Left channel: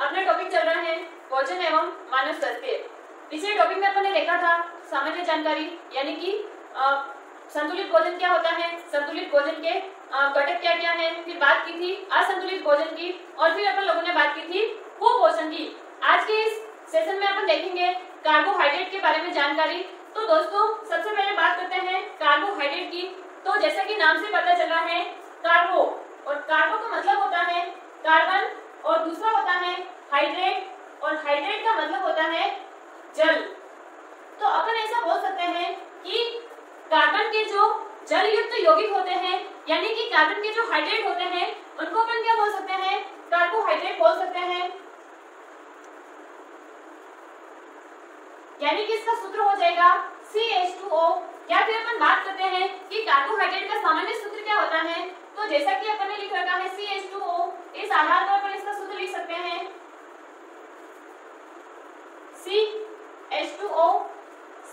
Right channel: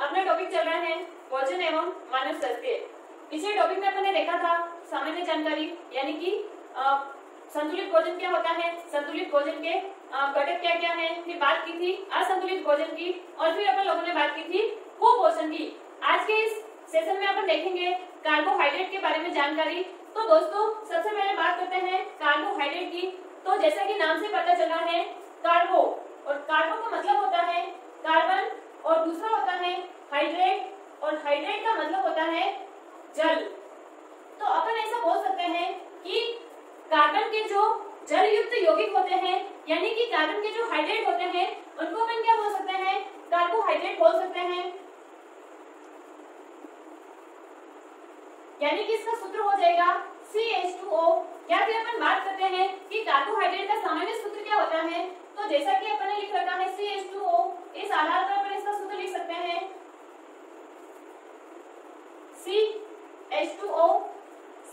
अपना टॉपिक चल रहा है भोजन एवं मानव स्वास्थ्य। पिछले टॉपिक में अपन ने देखा था सामान्य जानकारी, यानी कि संतुलित भोजन क्या होता है, संतुलित भोजन के घटक क्या क्या है, फिर बात की थी असंतुलित भोजन की, और फिर अपन लोगों ने बात की थी कुपोषण की। आज के इस सेशन में अपन देखेंगे कार्बोहाइड्रेट के बारे में जानकारी। तो दोस्तों सबसे पहले बात करते हैं कार्बोहाइड्रेट की। तो जैसा कि नाम से पता चला है कार्बो, और कार्बो का मतलब होता है कार्बन, और दूसरा होता है हाइड्रेट, और हाइड्रेट का मतलब होता है जल। तो अपन ऐसा बोल सकते हैं कि कार्बन के जो जल युक्त यौगिक होते हैं, यानी कि कार्बन के जो हाइड्रेट होते हैं, उनको अपन क्या बोल सकते हैं, कार्बोहाइड्रेट बोल सकते हैं। यानी कि इसका सूत्र हो जाएगा CH2O। या फिर अपन बात करते हैं कि कार्बोहाइड्रेट का सामान्य सूत्र क्या होता है, तो जैसा कि अपन ने लिख रखा है CH2O, इस आधार पर अपन इसका सूत्र लिख सकते हैं CH2O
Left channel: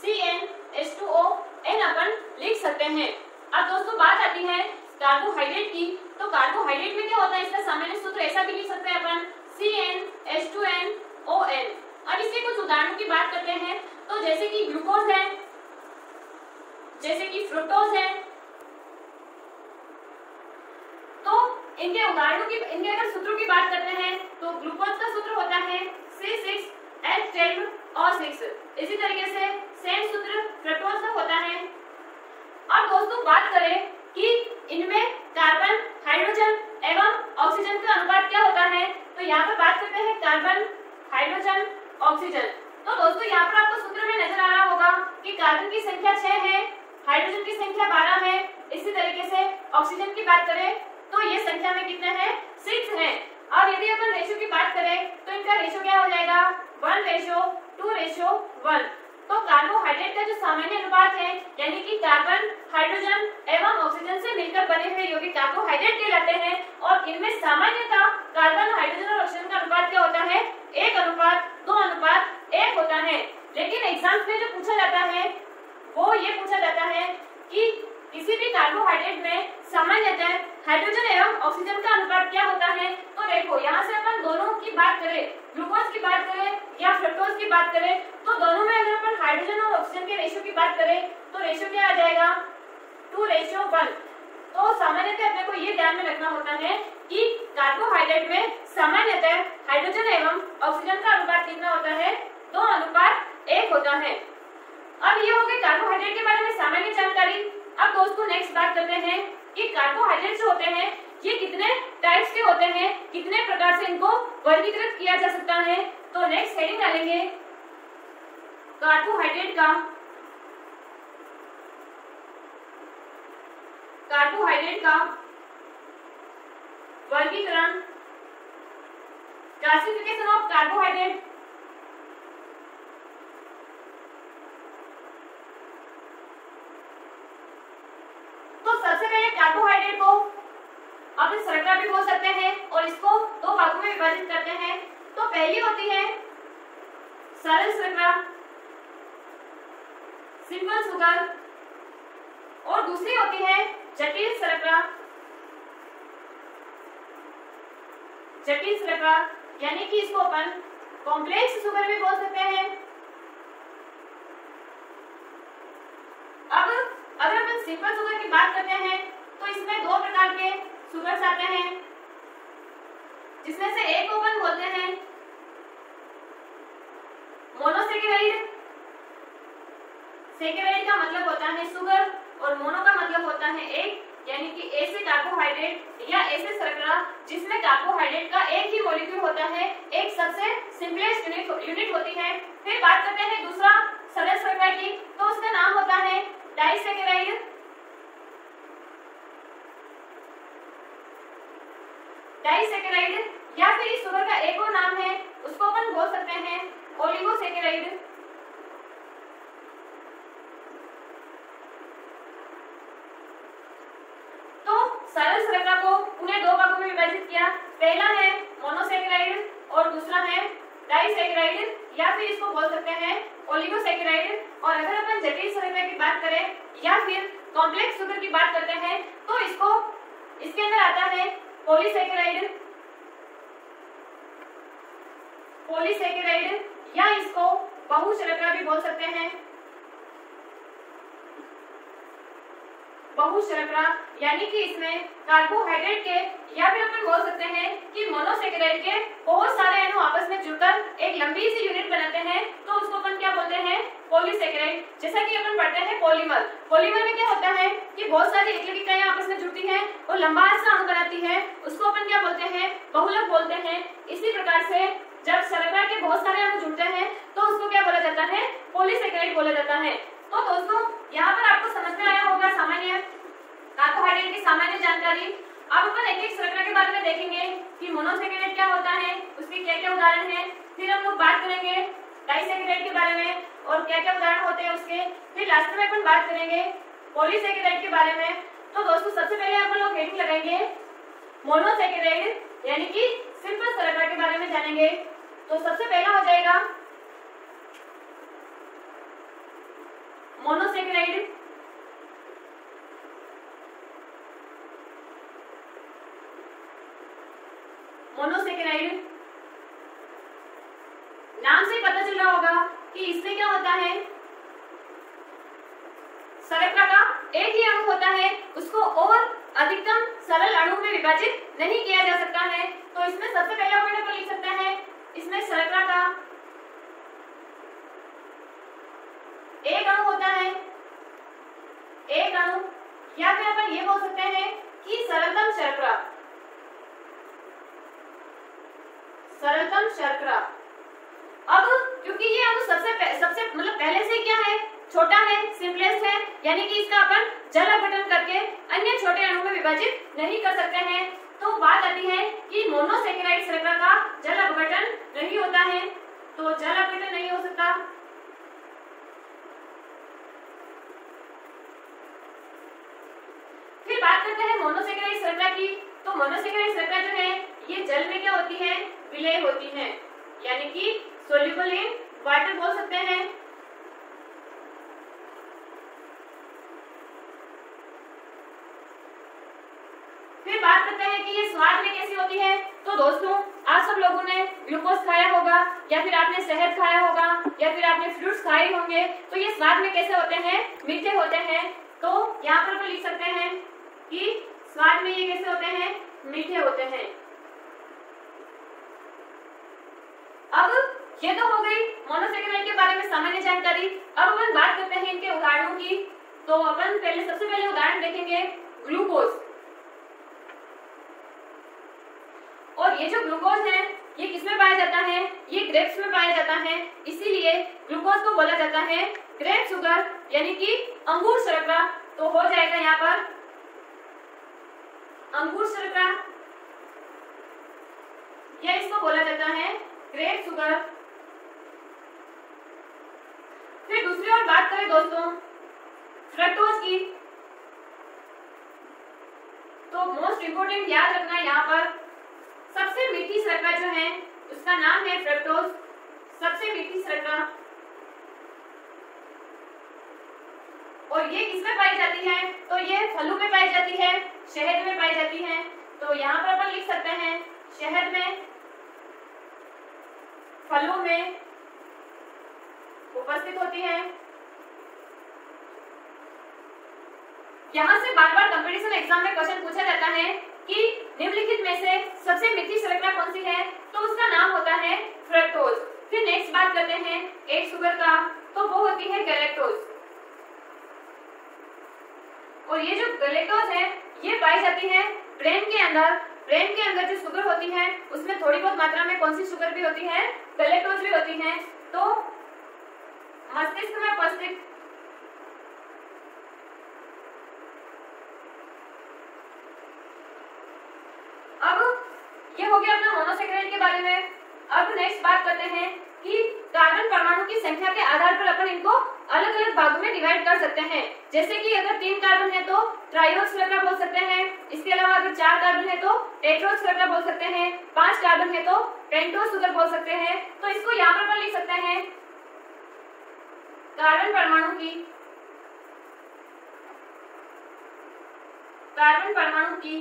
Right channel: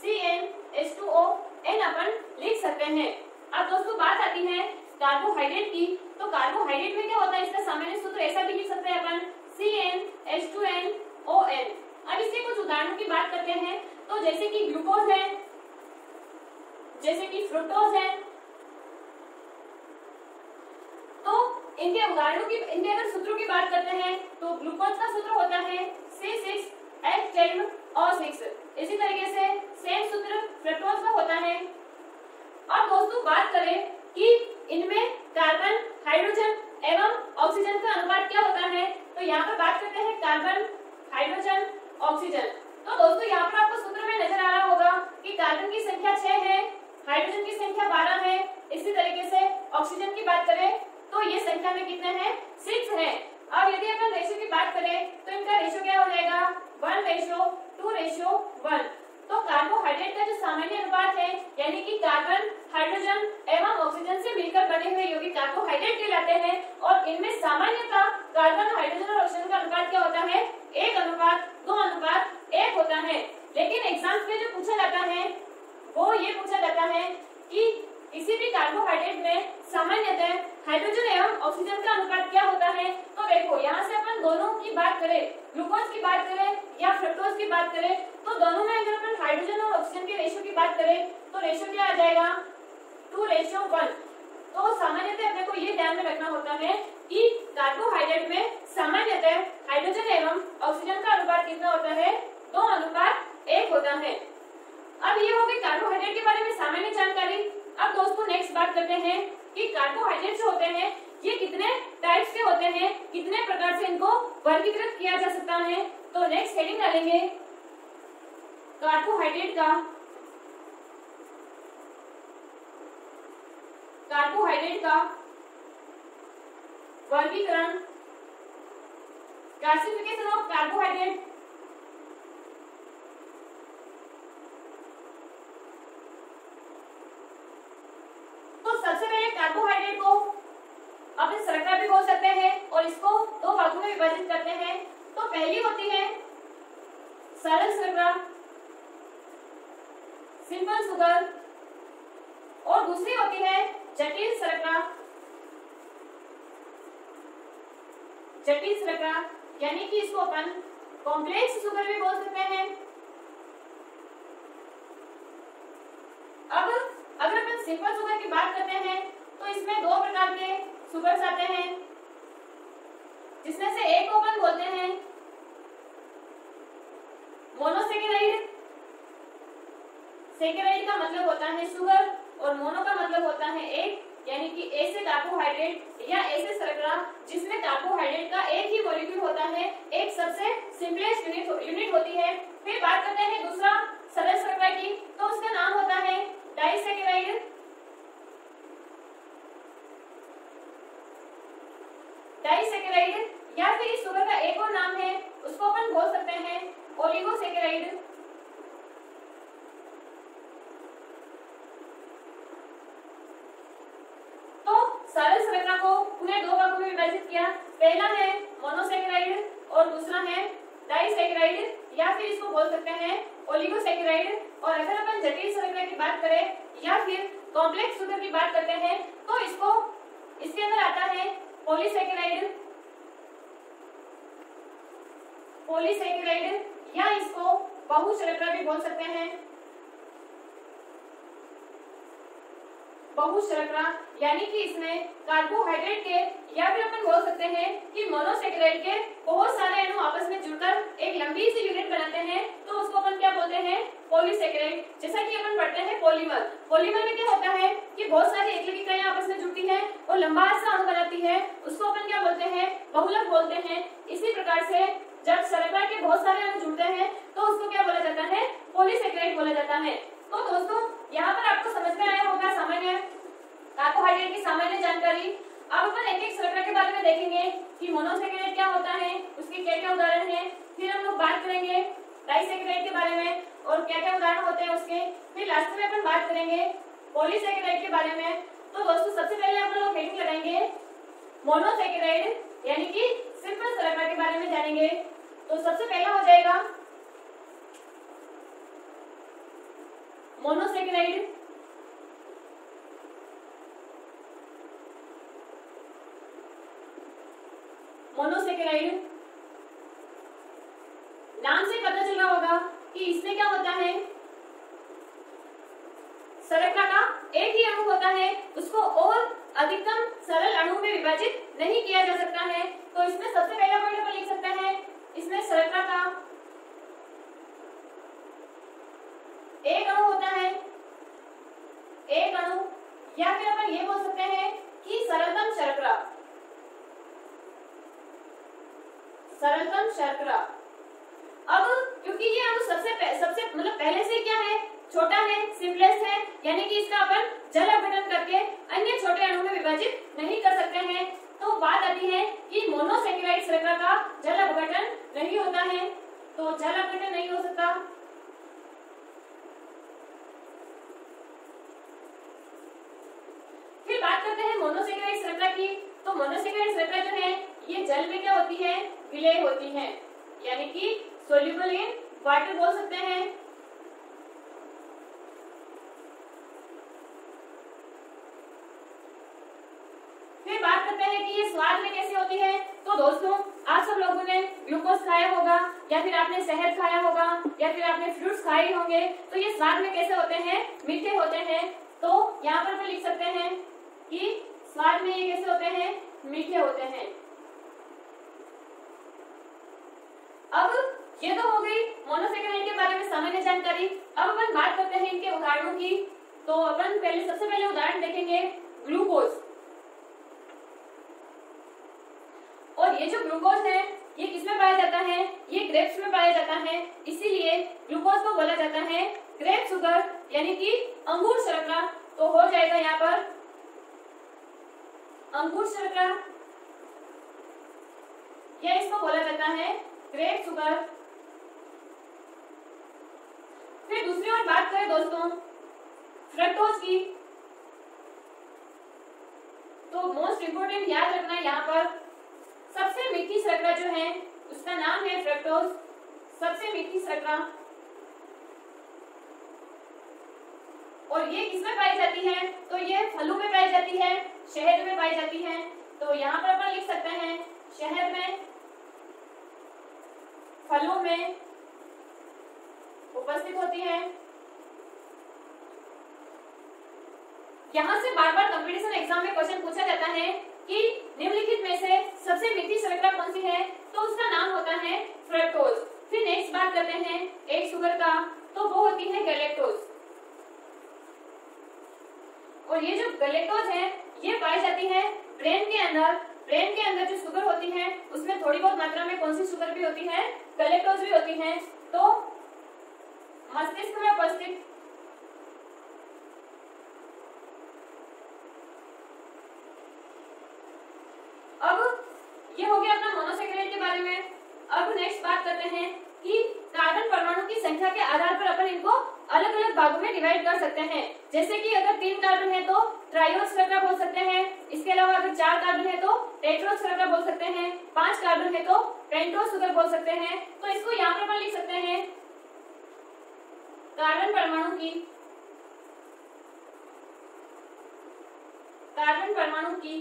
CnH2O n अपन लिख सकते हैं। अब दोस्तों बात आती है कार्बोहाइड्रेट की। तो कार्बोहाइड्रेट में क्या होता है, इसका सामान्य सूत्र ऐसा भी लिख सकते हैं अपन CnH2nOn। अब इसके कुछ उदाहरणों की बात करते हैं। तो जैसे कि ग्लूकोज है, जैसे कि फ्रुक्टोज है, तो इनके उदाहरणों की, इनके अगर सूत्रों की बात करते हैं तो ग्लूकोज का सूत्र होता है C6H12O6। इसी तरीके से सेम सूत्र फ्रुक्टोज का होता है। अब दोस्तों बात करें कि इनमें कार्बन, हाइड्रोजन एवं ऑक्सीजन का अनुपात क्या होता है, तो यहाँ पर बात करते हैं कार्बन, हाइड्रोजन, ऑक्सीजन। तो दोस्तों यहाँ पर आपको सूत्र में नजर आ रहा होगा कि कार्बन की संख्या 6 है, हाइड्रोजन की संख्या 12 है, इसी तरीके से ऑक्सीजन की बात करें तो ये संख्या में कितने हैं, 6 है। और यदि अपन रेशियो की बात करें तो इनका रेशियो क्या हो जाएगा, 1:2:1। तो कार्बोहाइड्रेट का जो सामान्य अनुपात है, यानी कि कार्बन, हाइड्रोजन एवं ऑक्सीजन से मिलकर बने हुए यौगिक कार्बोहाइड्रेट कहलाते हैं। और इनमें सामान्यतः कार्बन, हाइड्रोजन और ऑक्सीजन का अनुपात क्या होता है, 1:2:1 होता है। लेकिन एग्जाम्स में जो पूछा जाता है वो ये पूछा जाता है कि किसी भी कार्बोहाइड्रेट में सामान्यतः हाइड्रोजन एवं ऑक्सीजन का अनुपात क्या होता है। तो देखो यहाँ से अपन दोनों की बात करें, ग्लूकोज की बात करें या फ्रुक्टोज की बात करें, तो दोनों में अगर अपन हाइड्रोजन और ऑक्सीजन के रेशियो की बात करें तो रेशियो क्या आ जाएगा, 2:1। तो सामान्यतः अपने को ये ध्यान में रखना होता है कि कार्बोहाइड्रेट में सामान्यतः हाइड्रोजन एवं ऑक्सीजन का अनुपात कितना होता है, 2:1 होता है। अब ये हो गई कार्बोहाइड्रेट के बारे में सामान्य जानकारी। अब दोस्तों नेक्स्ट बात करते हैं कि कार्बोहाइड्रेट जो होते हैं ये कितने टाइप्स के होते हैं, कितने प्रकार से इनको वर्गीकृत किया जा सकता है। तो नेक्स्ट हेडिंग डालेंगे कार्बोहाइड्रेट का वर्गीकरण, क्लासिफिकेशन ऑफ कार्बोहाइड्रेट। तो सबसे पहले कार्बोहाइड्रेट को अपन शर्करा भी बोल सकते हैं, और इसको दो भागों में विभाजित करते हैं। तो पहली होती है सरल शर्करा, सिंपल शुगर, और दूसरी होती है जटिल शर्करा। जटिल शर्करा यानी कि इसको अपन कॉम्प्लेक्स शुगर भी बोल सकते हैं। अब अगर अपन सिंपल शुगर की बात करते हैं तो इसमें दो प्रकार के शुगर्स आते हैं, जिसमें से एक को अपन बोलते हैं मोनोसेकेराइड। सेकेराइड का मतलब होता है शुगर, और मोनो का मतलब होता है एक, यानी कि ए से कार्बोहाइड्रेट या ए से शर्करा, जिसमें कार्बोहाइड्रेट का एक ही मॉलिक्यूल होता है, एक सबसे सिंपलेस्ट यूनिट होती है। फिर बात करते हैं दूसरा सरल शर्करा की, तो उसका नाम होता है डाइसेकेराइड। डाइसेकेराइड या फिर इस शुगर का एक और नाम है, उसको अपन बोल सकते हैं ओलिगोसेकेराइड। सरल शर्करा को उन्हें दो भागों में विभाजित किया। पहला है मोनोसेकेराइड और दूसरा है डाइसेकेराइड, या फिर इसको बोल सकते हैं ओलिगोसेकेराइड। और अगर अपन जटिल शर्करा की बात करें या फिर कॉम्प्लेक्स शुगर की बात करते हैं तो इसको इसके अंदर आता है पॉलीसेकेराइड। पॉलीसेकेराइड या इसको बहुशर्करा भी बोल सकते हैं। बहुशर्करा यानी कि इसमें कार्बोहाइड्रेट के या फिर अपन बोल सकते हैं कि मोनोसेकेराइड के बहुत सारे अणु आपस में जुड़कर एक लंबी सी यूनिट बनाते हैं, तो उसको अपन क्या बोलते हैं? पॉलीसेकेराइड। जैसा कि अपन पढ़ते हैं पॉलीमर, पॉलीमर में क्या होता है कि बहुत सारी एकल इकाइयां आपस में जुड़ती हैं और लंबा सा अणु बनाती है, उसको अपन क्या बोलते हैं? बहुलक बोलते हैं। इसी प्रकार से जब शर्करा के बहुत सारे अणु जुड़ते हैं तो उसको क्या बोला जाता है? पॉलीसेकेराइड बोला जाता है। तो दोस्तों यहाँ पर आपको समझ में आया होगा सामान्य कार्बोहाइड्रेट की सामान्य जानकारी। अब अपन एक एक शर्करा के बारे में देखेंगे कि मोनोसेकेराइड क्या होता है, उसके क्या क्या उदाहरण हैं, फिर हम लोग बात करेंगे डाइसेकेराइड के बारे में और क्या क्या उदाहरण होते हैं उसके, फिर लास्ट में अपन बात करेंगे पॉलीसेकेराइड के बारे में। तो दोस्तों सबसे पहले अपन लोग हेडिंग लगाएंगे मोनोसेकेराइड यानी कि सिंपल शर्करा के बारे में जानेंगे। तो सबसे पहला हो जाएगा मोनोसेकेराइड। मोनोसेकेराइड नाम से पता चल रहा होगा कि इसमें क्या होता है? शर्करा का एक ही अणु होता है, उसको और अधिकतम सरल अणु में विभाजित नहीं किया जा सकता है। तो इसमें सबसे पहला पॉइंट अपन लिख सकते हैं, इसमें शर्करा का एक अणु होता है, एक अणु, या फिर अपन ये बोल सकते हैं कि सरलतम शर्करा, सरलतम शर्करा। अब क्योंकि ये अणु सबसे मतलब पहले से क्या है? छोटा है, सिंपलेस्ट है, यानी कि इसका अपन जल अपघटन करके अन्य छोटे अणु में विभाजित नहीं कर सकते हैं। तो बात आती है कि मोनोसेकेराइड शर्करा का जल अपघटन नहीं होता है, तो जल अपघटन नहीं हो सकता। फिर बात करते हैं मोनोसेकेराइड शर्करा की। तो मोनोसेकेराइड शर्करा जो है ये जल में क्या होती है? विलय होती है, यानी कि सोल्यूबल इन वाटर बोल सकते हैं। फिर बात करते हैं कि ये स्वाद में कैसी होती है। तो दोस्तों आप सब लोगों ने ग्लूकोज खाया होगा, या फिर आपने शहद खाया होगा, या फिर आपने फ्रूट्स खाए होंगे, तो ये स्वाद में कैसे होते हैं? मीठे होते हैं। तो यहाँ पर लिख सकते हैं कि स्वाद में ये कैसे होते हैं? मीठे होते हैं। अब ये तो हो गई मोनोसेकेराइड के बारे में सामान्य जानकारी। अब अपन बात करते हैं इनके उदाहरणों की। तो अपन सबसे पहले उदाहरण देखेंगे ग्लूकोज। और ये जो ग्लूकोज है ये किसमें पाया जाता है? ये ग्रेप्स में पाया जाता है, इसीलिए ग्लूकोज को बोला जाता है ग्रेप शुगर यानी कि अंगूर शर्करा। तो हो जाएगा यहाँ पर अंगूर शर्करा, या इसको बोला जाता है ग्रेप शुगर। फिर दूसरी ओर बात करें दोस्तों फ्रक्टोज की, तो मोस्ट इंपोर्टेंट याद रखना यहाँ पर सबसे मीठी शर्करा जो है उसका नाम है फ्रक्टोज, सबसे मीठी शर्करा। और ये किसमें पाई जाती है? तो ये फलों में पाई जाती है, शहद में पाई जाती है। तो यहाँ पर अपन लिख सकते हैं शहद में, फलों में उपस्थित होती है। यहाँ से बार बार कंपटीशन एग्जाम में क्वेश्चन पूछा जाता है कि निम्नलिखित में से सबसे मीठी शर्करा कौन सी है? तो उसका नाम होता है फ्रक्टोज। फिर नेक्स्ट बात करते हैं एक शुगर का, तो वो होती है गैलेक्टोज। और ये जो गैलेक्टोज है ये पाई जाती है ब्रेन के अंदर। ब्रेन के अंदर जो शुगर होती है उसमें थोड़ी बहुत मात्रा में कौन सी शुगर भी होती है? गैलेक्टोज भी होती है। तो मस्तिष्क में उपस्थित अब ये हो गया अपना मोनोसेकेराइड के बारे में। अब नेक्स्ट बात करते हैं कि कार्बन परमाणु की संख्या के आधार पर अपन इनको अलग अलग भागों में डिवाइड कर सकते हैं। जैसे कि अगर 3 कार्बन है तो ट्रायोज शर्करा बोल सकते हैं। इसके अलावा अगर 4 कार्बन है तो टेट्रोज शर्करा बोल सकते हैं। 5 कार्बन है तो पेंटोज शुगर बोल सकते हैं। तो इसको यहाँ पर अपन लिख सकते हैं कार्बन परमाणु की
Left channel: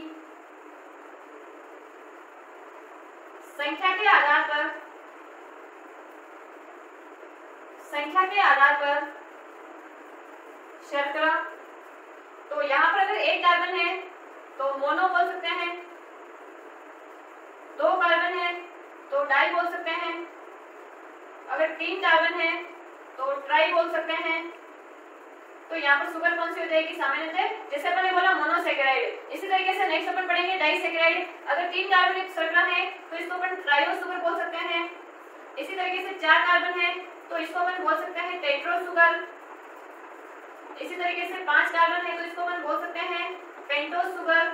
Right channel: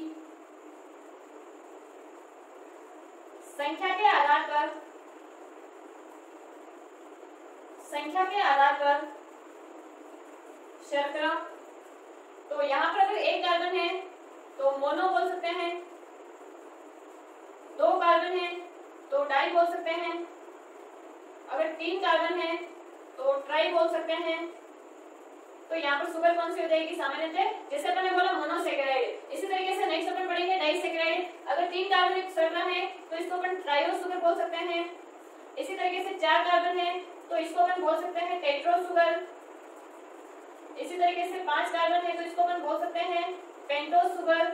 संख्या के आधार पर संख्या के आधार पर शर्करा, तो यहाँ पर अगर एक कार्बन है तो मोनो बोल सकते हैं, दो कार्बन है तो डाई बोल सकते हैं, अगर तीन कार्बन है तो ट्राई बोल सकते हैं। तो यहाँ पर सुगर कौन सी हो जाएगी? सामान्यतः जैसे अपन ने बोला मोनोसेकेराइड। इसी तरीके से नेक्स्ट अपन पढ़ेंगे डाइसेकेराइड। अगर तीन कार्बन युक्त शर्करा है तो इसको अपन ट्राइओ सुगर बोल सकते हैं। इसी तरीके से चार कार्बन है तो इसको अपन बोल सकते हैं टेट्रो सुगर। इसी तरीके से पांच कार्बन है तो इसको अपन बोल सकते हैं पेंटो सुगर।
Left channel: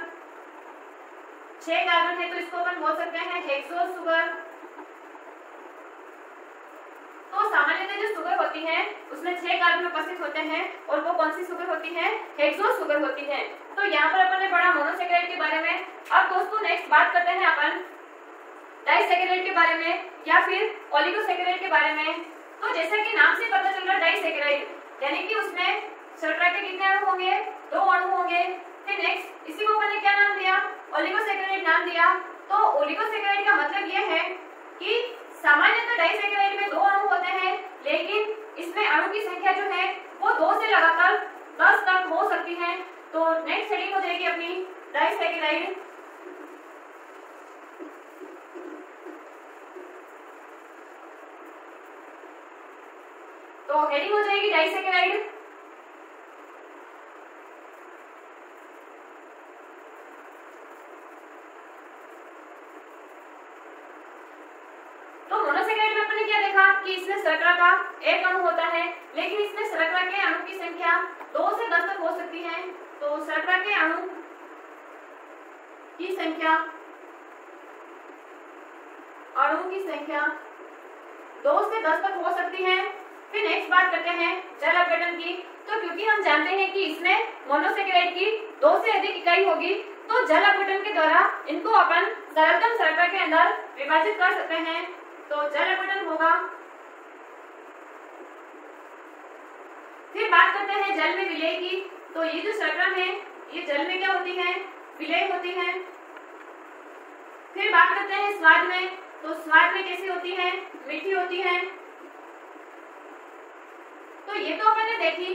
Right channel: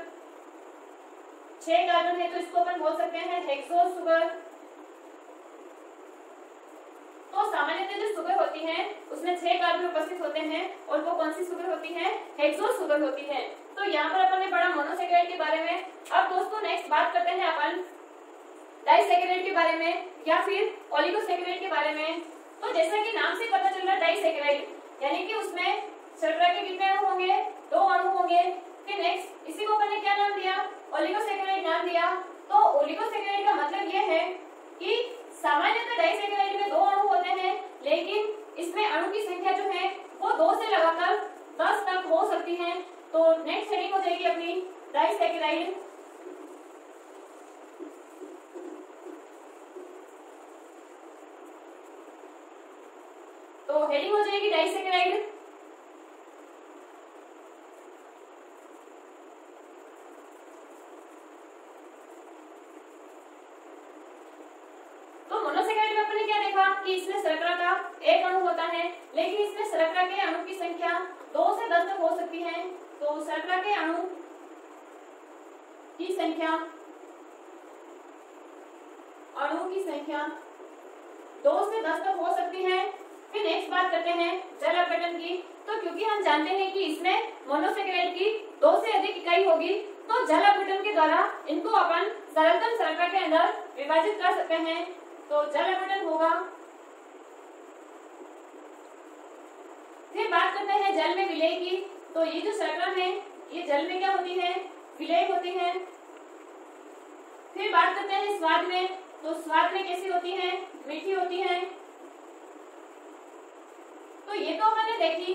छह कार्बन है तो इसको अपन बोल सकते हैं हेक्सो सुगर। तो सामान्यतः जो सुगर होती है उसमें 6 कार्बन उपस्थित होते हैं और वो कौन सी सुगर होती है? हेक्सो सुगर होती है। तो यहाँ पर अपन ने पढ़ा मोनोसेकेराइड के बारे में। अब दोस्तों नेक्स्ट बात करते हैं अपन डाइसेकेराइड के बारे में या फिर ओलिगोसेकेराइड के बारे में। तो जैसा कि नाम से पता चल रहा है डाइसेकेराइड यानी कि उसमें शर्करा के कितने अणु होंगे? 2 अणु होंगे। फिर नेक्स्ट इसी को अपन ने क्या नाम दिया? ओलिगोसेकेराइड नाम दिया। तो ओलिगोसेकेराइड का मतलब यह है कि सामान्यतः डाइसेकेराइड में 2 अणु होते हैं, लेकिन इसमें अणु की संख्या जो है वो 2 से लगाकर 10 तक हो सकती है। तो नेक्स्ट हेडिंग हो जाएगी अपनी डाइसेकेराइड। तो हेडिंग हो जाएगी डाइसेकेराइड। कि इसमें शर्करा का एक अणु होता है, लेकिन इसमें शर्करा के अणु की संख्या 2 से 10 तक हो सकती है। तो शर्करा के अणु की संख्या 2 से 10 तक हो सकती है। फिर नेक्स्ट बात करते हैं जल अपघटन की। तो क्योंकि हम जानते हैं कि इसमें मोनोसेकेराइड की 2 से अधिक इकाई होगी, तो जल अपघटन के द्वारा इनको अपन सरलतम शर्करा के अंदर विभाजित कर सकते हैं। तो जल अपघटन होगा। फिर बात करते हैं जल में विलय की। तो ये जो शर्करा है ये जल में क्या होती है? विलय होती है। फिर बात करते हैं स्वाद में। तो स्वाद में कैसी होती है? मीठी होती है। तो ये तो अपन ने देखी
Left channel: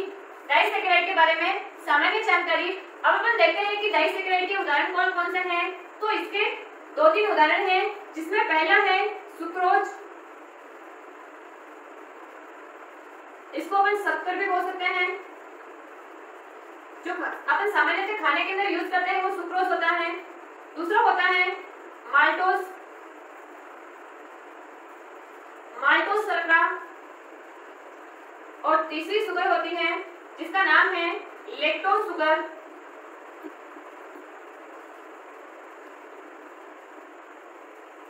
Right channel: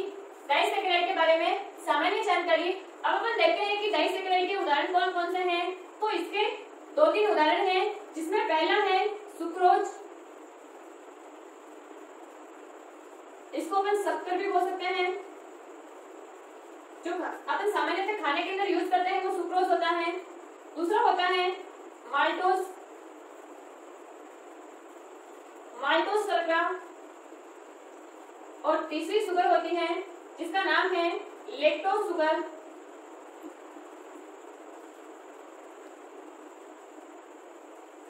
डाइसेकेराइड के बारे में सामान्य जानकारी। अब अपन देखते हैं कि डाइसेकेराइड के उदाहरण कौन कौन से हैं। तो इसके 2-3 उदाहरण हैं, जिसमें पहला है सुक्रोज। इसको अपन शक्कर भी बोल सकते हैं। जो अपन सामान्यतः खाने के अंदर यूज करते हैं वो सुक्रोज होता है। दूसरा होता है माल्टोज शर्करा। और तीसरी शुगर होती है जिसका नाम है लेक्टोज शुगर।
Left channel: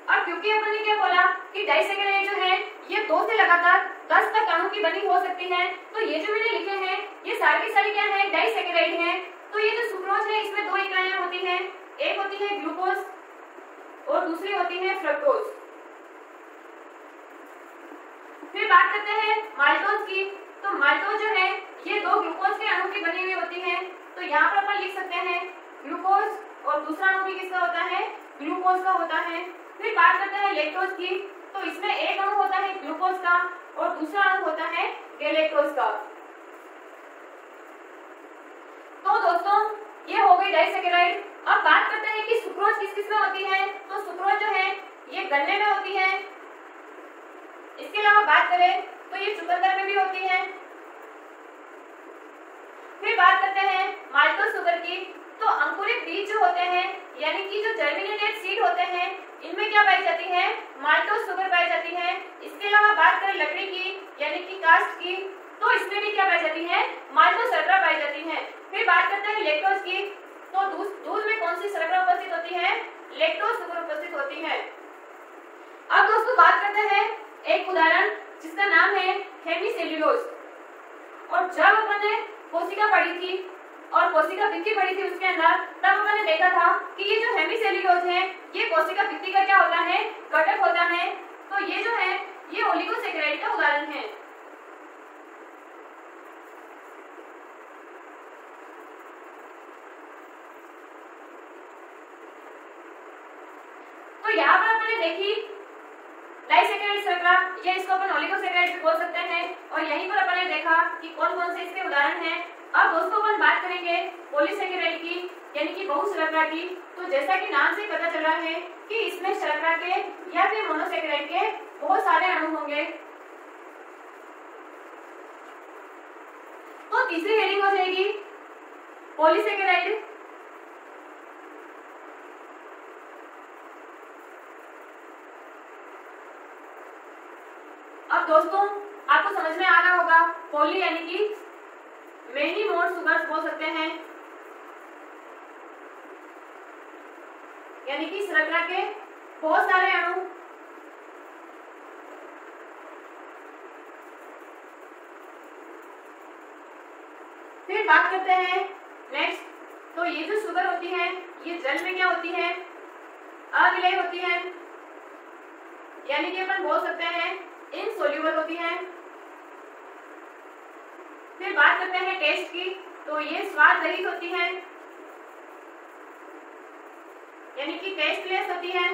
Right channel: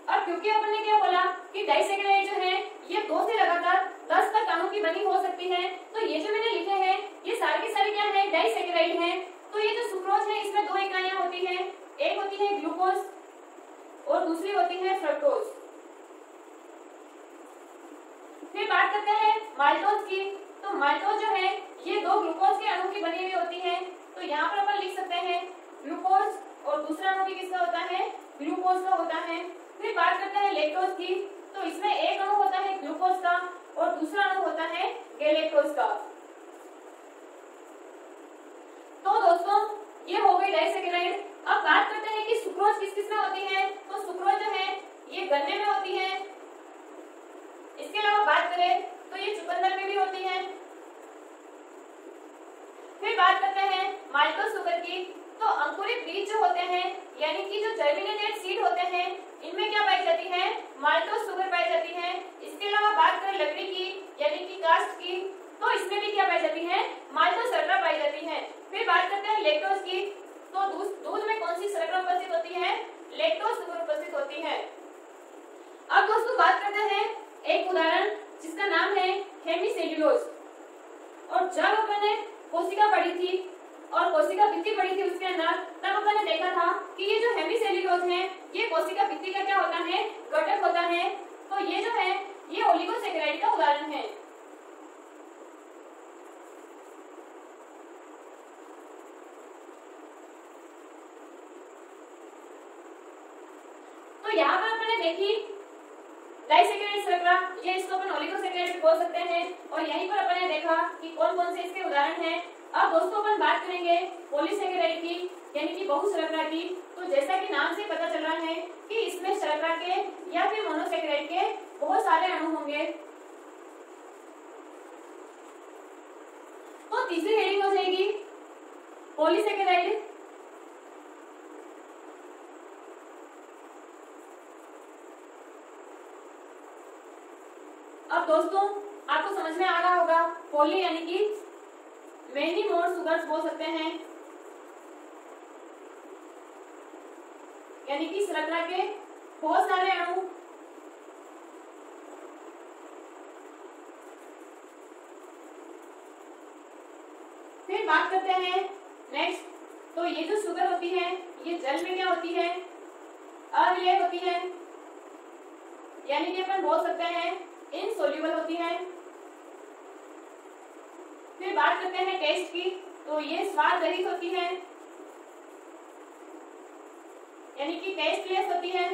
और क्योंकि अपन ने क्या बोला कि डाइसेकेराइड जो है ये 2 से लगातार 10 तक अणु की बनी हो सकती है, तो ये जो मैंने लिखे हैं ये सारी की सारी क्या है? डाइसेकेराइड है। तो ये जो सुक्रोज है इसमें 2 इकाइयां होती हैं, एक होती है ग्लूकोज और दूसरी होती है फ्रक्टोज। फिर बात करते हैं माल्टोज की। तो माल्टोज जो है ये 2 ग्लूकोज के अणु की बनी हुई होती है। तो यहाँ पर अपन लिख सकते हैं ग्लूकोज और दूसरा अणु भी किसका होता है? ग्लूकोज का होता है। फिर बात करते हैं लैक्टोज की। तो इसमें एक अणु होता है ग्लूकोज का और दूसरा अणु होता है गैलेक्टोज का। तो दोस्तों ये हो गई डाइसेकेराइड। अब बात करते हैं कि सुक्रोज किस किस में होती है। तो सुक्रोज जो है ये गन्ने में होती है। इसके अलावा बात करें तो ये चुकंदर में भी होती है। फिर बात करते हैं माल्टोज शुगर की। तो अंकुरित बीज जो होते हैं यानी कि जो जर्मिनेटेड सीड होते हैं इनमें क्या पाई जाती है? माल्टोज शुगर पाई जाती है। इसके अलावा बात करें लकड़ी की यानी कि कास्ट की, तो इसमें भी क्या पाई जाती है? माल्टोज शर्करा पाई जाती है। फिर बात करते हैं लैक्टोज की। तो दूध में कौन सी शर्करा उपस्थित होती है? लैक्टोज शुगर उपस्थित होती है। अब दोस्तों बात करते हैं एक उदाहरण जिसका नाम है हेमीसेल्यूलोज। और जब अपन ने कोशिका पढ़ी थी और कोशिका भित्ति पढ़ी थी उसके अंदर, तब अपन ने देखा था कि ये जो हेमीसेल्यूलोज है ये कोशिका भित्ति का क्या होता है? घटक होता है। तो ये जो है ये ओलिगोसेकेराइड का उदाहरण है। तो यहाँ पर अपन ने देखी डाइसैकेराइड श्रृंखला, ये इसको अपन ओलिगोसैकेराइड भी बोल सकते हैं। और यहीं पर अपन ने देखा कि कौन कौन से इसके उदाहरण हैं। अब दोस्तों अपन बात करेंगे पॉलीसैकेराइड की, यानी कि बहुशर्करा की। तो जैसा कि नाम से पता चल रहा है कि इसमें शर्करा के या फिर मोनोसैकेराइड के बहुत सारे अणु होंगे। तो तीसरी हेडिंग हो जाएगी पॉलीसैकेराइड। अब दोस्तों आपको समझ में आ रहा होगा, पॉली यानी कि मेनी मोर सुगर्स बोल सकते हैं, यानी कि शर्करा के बहुत सारे अणु। फिर बात करते हैं नेक्स्ट, तो ये जो शुगर होती है ये जल में क्या होती है, अविलेय होती है, यानी कि अपन बोल सकते हैं इनसोल्यूबल होती है। फिर बात करते हैं टेस्ट की, तो ये स्वाद रहित होती है, यानी कि टेस्टलेस होती है।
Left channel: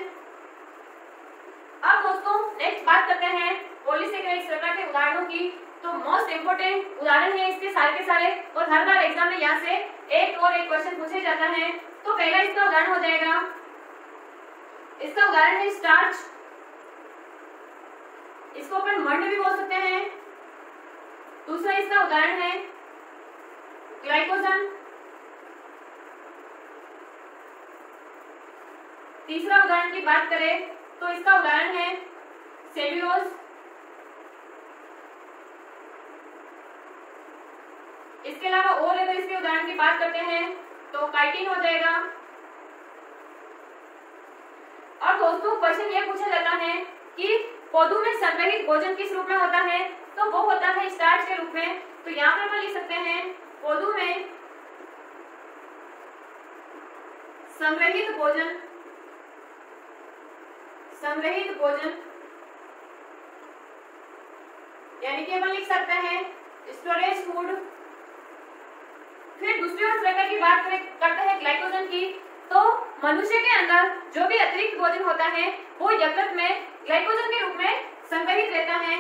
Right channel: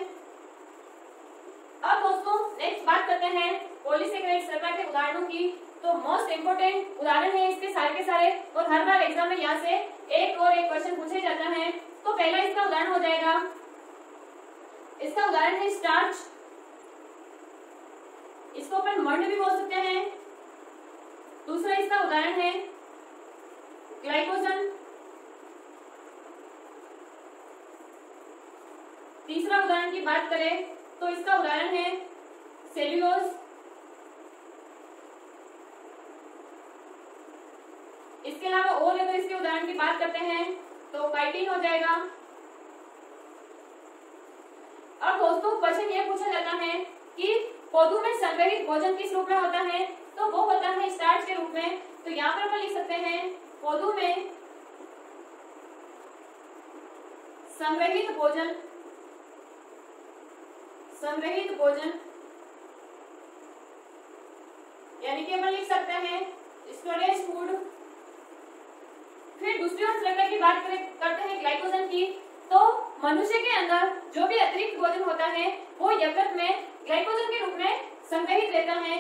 अब दोस्तों नेक्स्ट बात करते हैं पॉलीसैकेराइड श्रृंखला के उदाहरणों की। तो मोस्ट इंपोर्टेंट उदाहरण है इसके सारे के सारे, और हर बार एग्जाम में यहाँ से एक और एक क्वेश्चन पूछे जाता है। तो पहला इसका उदाहरण हो जाएगा, इसका उदाहरण है स्टार्च, इसको अपन मंड भी बोल सकते हैं। दूसरा इसका उदाहरण है ग्लाइकोजन। तीसरा उदाहरण की बात करें तो इसका उदाहरण है सेल्यूलोज। इसके अलावा और अगर इसके उदाहरण की बात करते हैं तो काइटिन हो जाएगा। और दोस्तों क्वेश्चन ये पूछा जाता है कि पौधों में संग्रहित भोजन किस रूप में होता है, तो वो होता है स्टार्च के रूप में। तो यहाँ पर अपन लिख सकते हैं पौधों में संग्रहित भोजन, संग्रहित भोजन, यानी कि अपन लिख सकते हैं स्टोरेज फूड। फिर दूसरी ओर श्रृंखला की बात करते हैं ग्लाइकोजन की। तो मनुष्य के अंदर जो भी अतिरिक्त भोजन होता है वो यकृत में ग्लाइकोजन के रूप में संग्रहित रहता है।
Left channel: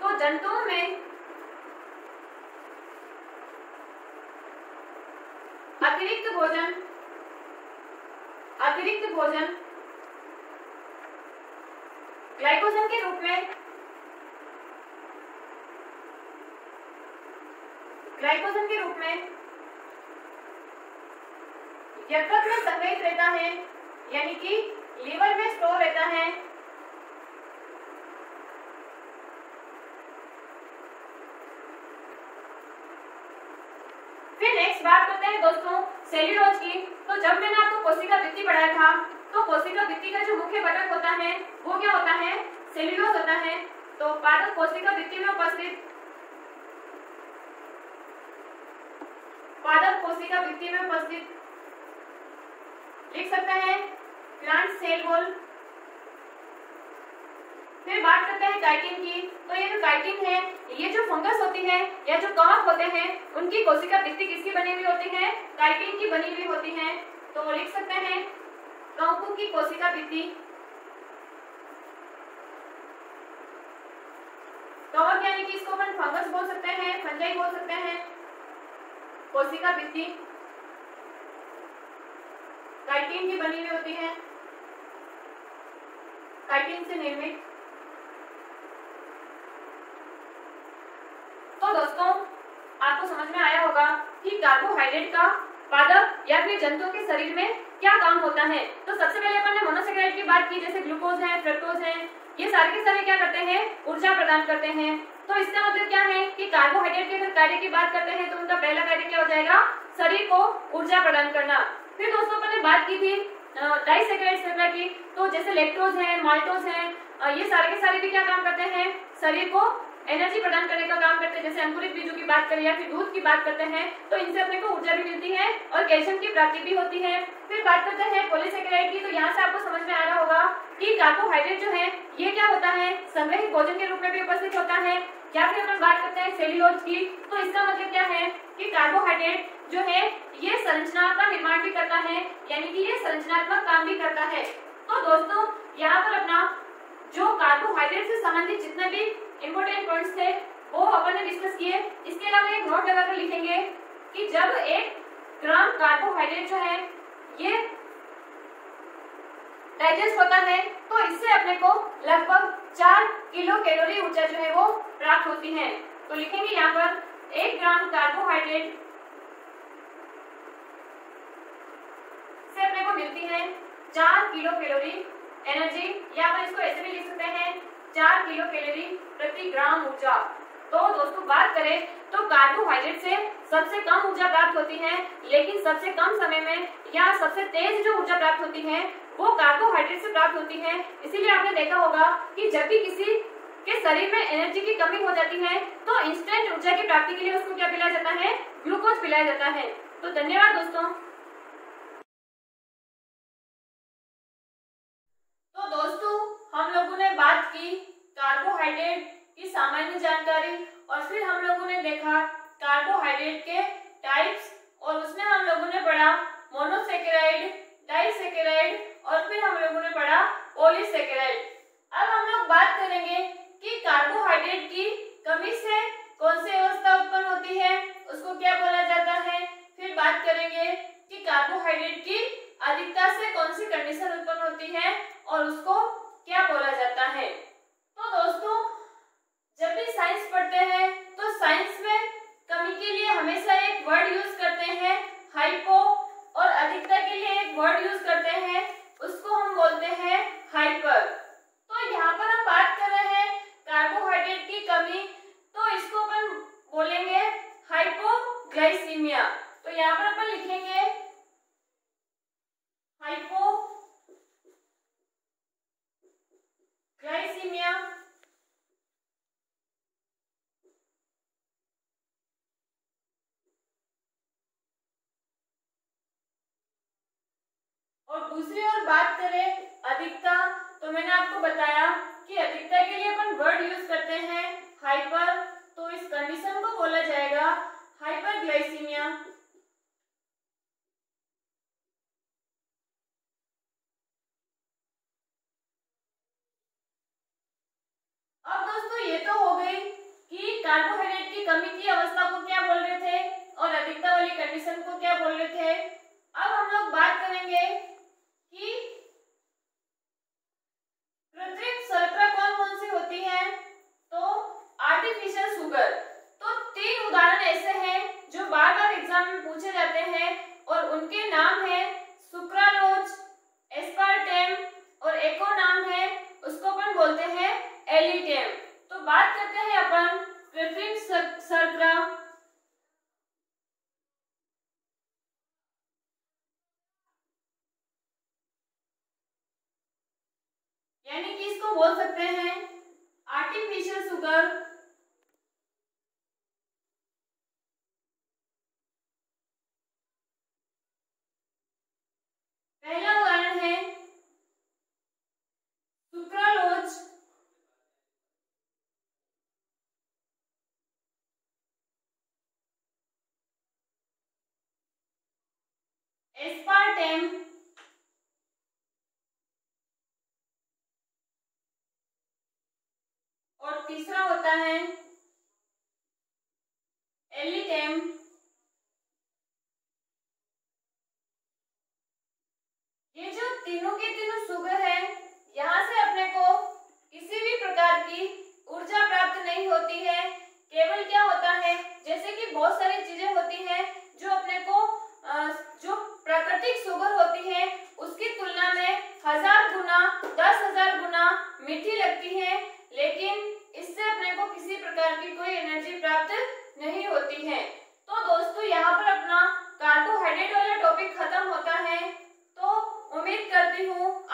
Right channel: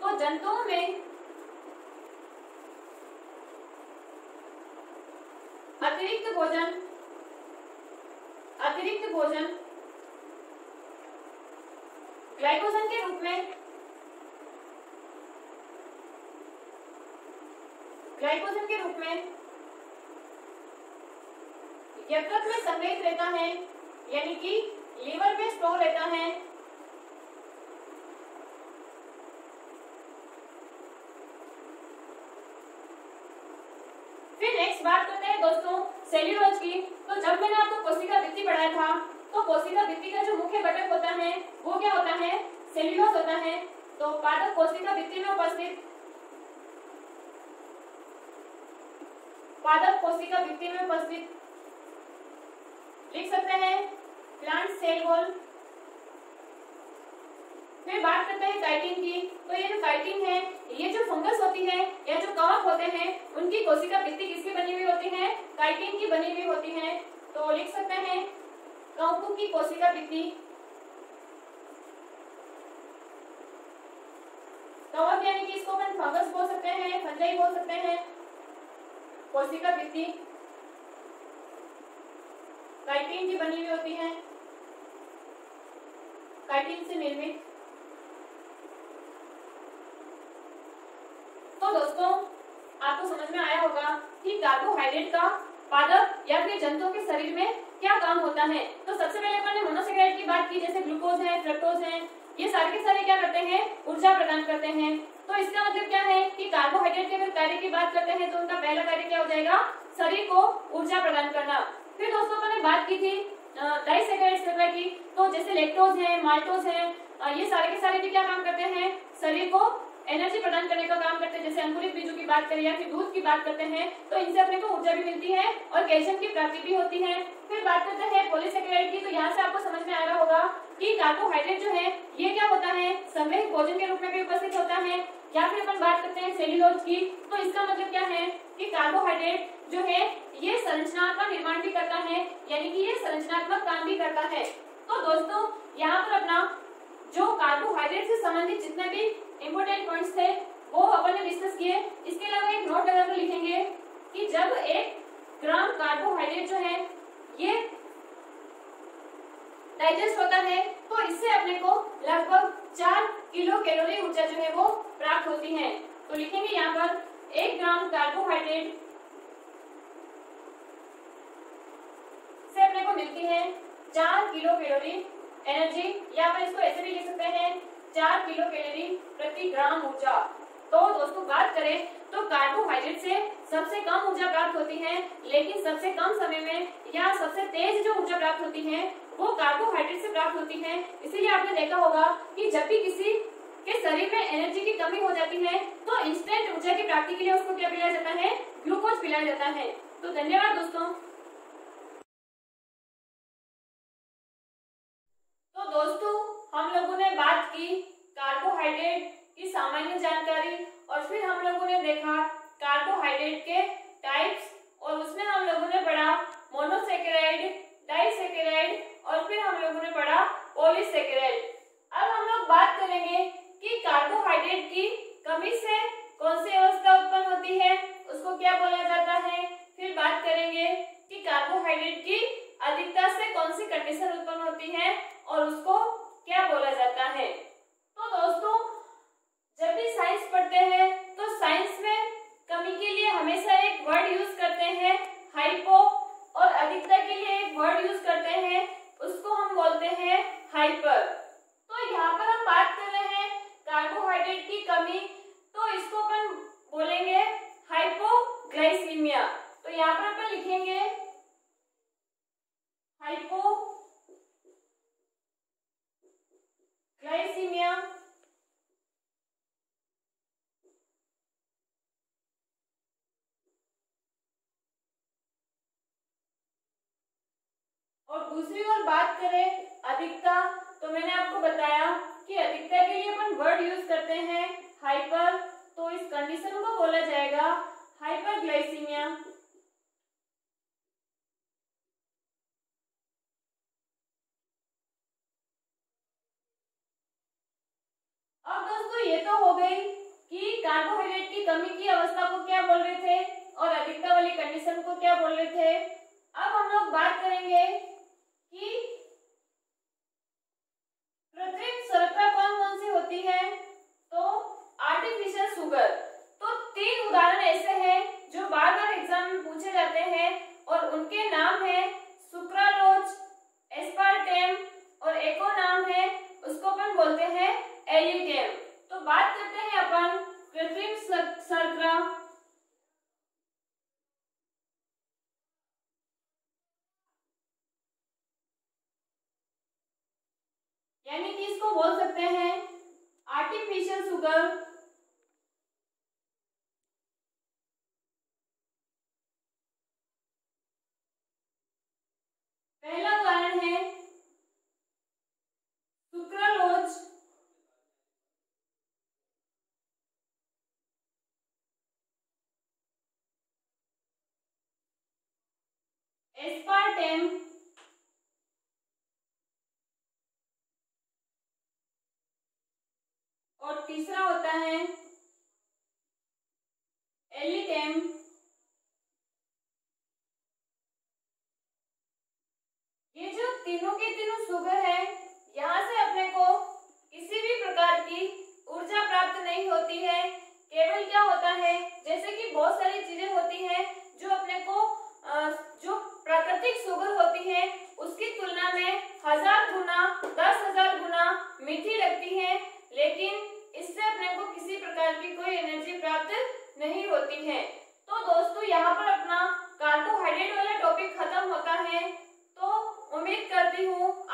तो जंतुओं में अतिरिक्त भोजन, अतिरिक्त भोजन ग्लाइकोजन के रूप में, ग्लाइकोजन के रूप में यकृत में संग्रहित रहता है, यानी कि लीवर में स्टोर रहता है। फिर नेक्स्ट बात करते हैं दोस्तों सेल्यूलोज की। तो जब मैंने आपको कोशिका भित्ति पढ़ाया था तो कोशिका भित्ति का जो मुख्य घटक होता है वो क्या होता है, सेल्यूलोज होता है। तो पादप कोशिका भित्ति में उपस्थित, पादप कोशिका भित्ति में उपस्थित लिख सकते हैं प्लांट सेल वॉल। फिर बात करते हैं काइटिन की। तो ये जो काइटिन है ये जो फंगस होती है या जो कवक होते हैं उनकी कोशिका भित्ति किसकी बनी हुई होती है, काइटिन की बनी हुई होती है। तो लिख सकते हैं कवकों की कोशिका भित्ति, कवक यानी कि इसको अपन फंगस बोल सकते हैं, फंजाई बोल सकते हैं। कोशिका भित्ति काइटिन की बनी हुई होती है, काइटिन से निर्मित। तो दोस्तों आपको समझ में आया होगा कि कार्बोहाइड्रेट का पादप या फिर जंतुओं के शरीर में क्या काम होता है। तो सबसे पहले अपन ने मोनोसैकेराइड की बात की, जैसे ग्लूकोज है, फ्रक्टोज है, ये सारे के सारे क्या करते हैं, ऊर्जा प्रदान करते हैं। तो इसका मतलब क्या है कि कार्बोहाइड्रेट के अगर कार्य की बात करते हैं तो उनका पहला कार्य क्या हो जाएगा, शरीर को ऊर्जा प्रदान करना। फिर दोस्तों अपन ने बात की थी डाइसैकेराइड श्रृंखला की। तो जैसे लैक्टोज है, माल्टोज है, ये सारे के सारे भी क्या काम करते हैं, शरीर को एनर्जी प्रदान करने का काम करते हैं। जैसे अंकुरित बीजों की बात करें या फिर दूध की बात करते हैं तो इनसे अपने को ऊर्जा भी मिलती है और कैल्शियम की प्राप्ति भी होती है। फिर बात करते हैं पॉलीसैकेराइड की। तो यहाँ से आपको समझ में आ रहा होगा कि कार्बोहाइड्रेट जो है ये क्या होता है, संग्रहित भोजन के रूप में भी उपस्थित होता है। या फिर अपन बात करते हैं सेल्यूलोज की। तो इसका मतलब क्या है कि कार्बोहाइड्रेट जो है ये संरचना का निर्माण भी करता है, यानी कि ये संरचनात्मक काम भी करता है। तो दोस्तों यहाँ पर अपना जो कार्बोहाइड्रेट से संबंधित जितने भी इंपॉर्टेंट पॉइंट्स थे वो अपन ने डिस्कस किए। इसके अलावा एक नोट लगाकर लिखेंगे कि जब 1 ग्राम कार्बोहाइड्रेट जो है ये डाइजेस्ट होता है तो इससे अपने को लगभग 4 किलो कैलोरी ऊर्जा जो है वो प्राप्त होती है। तो लिखेंगे यहाँ पर 1 ग्राम कार्बोहाइड्रेट से अपने को मिलती है 4 किलो कैलोरी एनर्जी, या अपन इसको ऐसे भी लिख सकते हैं 4 किलो कैलोरी प्रति ग्राम ऊर्जा। तो दोस्तों बात करें तो कार्बोहाइड्रेट से सबसे कम ऊर्जा प्राप्त होती है, लेकिन सबसे कम समय में या सबसे तेज जो ऊर्जा प्राप्त होती है वो कार्बोहाइड्रेट से प्राप्त होती है। इसीलिए आपने देखा होगा कि जब भी किसी के शरीर में एनर्जी की कमी हो जाती है तो इंस्टेंट ऊर्जा की प्राप्ति के लिए उसको क्या पिलाया जाता है, ग्लूकोज पिलाया जाता है। तो धन्यवाद दोस्तों। तो दोस्तों हम लोगों ने बात की कार्बोहाइड्रेट की सामान्य जानकारी और फिर हम लोगों ने देखा कार्बोहाइड्रेट के टाइप्स और उसमें हम लोगों ने पढ़ा मोनोसेकेराइड, डाइसेकेराइड और फिर हम लोगों ने पढ़ा पॉलीसेकेराइड। अब हम लोग बात करेंगे कि कार्बोहाइड्रेट की कमी से कौन सी अवस्था उत्पन्न होती है, उसको क्या बोला जाता है। फिर बात करेंगे कि कार्बोहाइड्रेट की अधिकता से कौन सी कंडीशन उत्पन्न होती है और उसको क्या बोला जाता है। तो दोस्तों जब भी साइंस पढ़ते हैं तो साइंस में कमी के लिए हमेशा एक वर्ड यूज करते हैं हाइपो, और अधिकता के लिए एक वर्ड यूज करते हैं उसको हम बोलते हैं हाइपर। तो यहाँ पर हम बात कर रहे हैं कार्बोहाइड्रेट की कमी, तो इसको अपन बोलेंगे हाइपोग्लाइसीमिया। तो यहाँ पर अपन लिखेंगे हाइपोग्लाइसीमिया। और दूसरी ओर बात करें अधिकता, तो मैंने आपको बताया कि अधिकता के लिए अपन वर्ड यूज करते हैं हाइपर, तो इस कंडीशन को बोला जाएगा हाइपरग्लाइसीमिया। अब दोस्तों ये तो हो गई कि कार्बोहाइड्रेट की कमी की अवस्था को क्या बोल रहे थे और अधिकता वाली कंडीशन को क्या बोल रहे थे। अब हम लोग बात करेंगे कि कृत्रिम शर्करा कौन कौन सी होती है। तो आर्टिफिशियल शुगर, तो 3 उदाहरण ऐसे हैं जो बार बार एग्जाम में पूछे जाते हैं और उनके नाम है सुक्रालोज, एस्पार्टेम और एक और नाम है उसको अपन बोलते हैं एलिटेम। तो बात करते हैं अपन कृत्रिम शर्करा। यानी कि इसको बोल सकते हैं आर्टिफिशियल शुगर। पहला उदाहरण है सुक्रालोज, एस्पार्टेम और तीसरा होता है एलिटेम। ये जो तीनों के तीनों शुगर है, यहाँ से अपने को किसी भी प्रकार की ऊर्जा प्राप्त नहीं होती है। केवल क्या होता है, जैसे कि बहुत सारी चीजें होती हैं जो अपने को जो प्राकृतिक शुगर होती है उसकी तुलना में 1000 गुना 10,000 गुना मीठी लगती है, लेकिन इससे अपने को किसी प्रकार की कोई एनर्जी प्राप्त नहीं होती है। तो दोस्तों यहाँ पर अपना कार्बोहाइड्रेट वाला टॉपिक खत्म होता है। तो उम्मीद करती हूँ